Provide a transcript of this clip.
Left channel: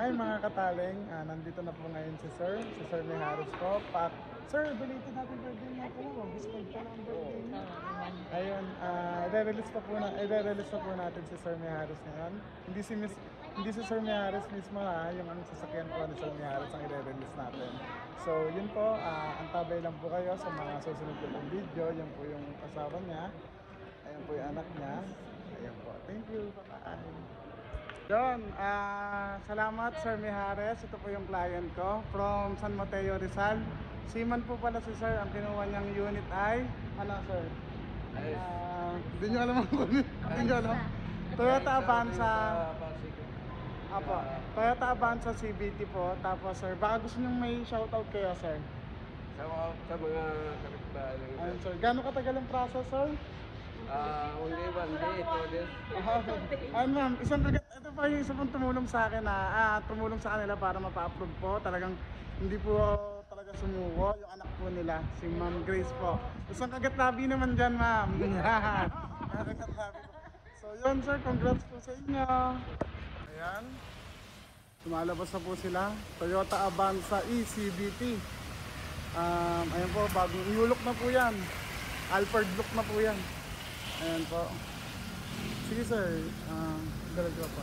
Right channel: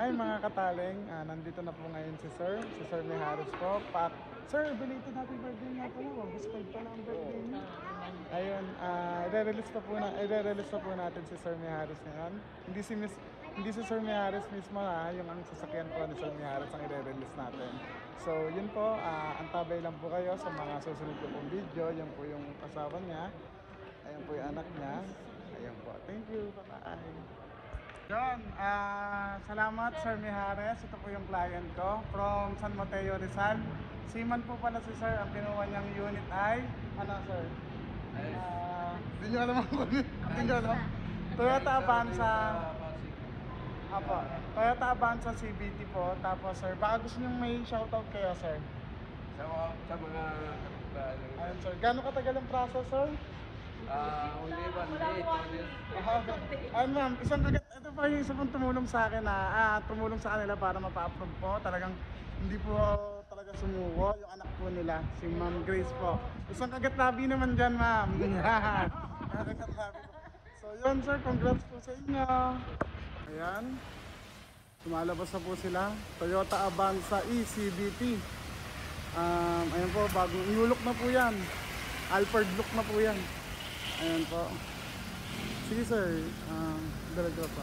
Hi mga kataling, nandito na po ngayon si Sir Mijares po. Sir, belated happy birthday nga po. Whispered pa lang birthday niya. Ayun, i-release pa po natin si Sir Mijares ngayon. Hindi si Sir Mijares mismo yung ang sasakyan po ni Sir Mijares ang i-release natin. So yun po, antabay lang po kayo sa mga susunod po ng video. Yan po yung asawa niya. Ayun po yung anak niya. Ayun po. Thank you. Bye-bye. Yan, salamat Sir Mijares. Ito po yung client ko from San Mateo, Rizal. Seaman po pala si Sir. Ang kinuha niyang unit ay ano Sir? Hindi nyo alam ang unit. Toyota Avanza. Apo, Toyota Avanza CVT po. Tapos Sir, baka gusto nyo may shoutout kaya Sir? Sir, gano'ng katagal ang process Sir? Only 1 day, 2 days. And then, ito pa yung isa pong tumulong sa akin tumulong sa kanila para mapa-approve po. Talagang hindi po talaga sumuko yung anak po nila, si Ma'am Grace po. Isang kagat-labi naman dyan, Ma'am. Kagat-labi po. So yun Sir, congrats po sa inyo. Ayan. Tumalabas na po sila. Toyota Avanza ECVT. Ayan po, bagong inulok na po yan. Alfred book na po yan. Ayan po. Sige Sir, dalawa pa.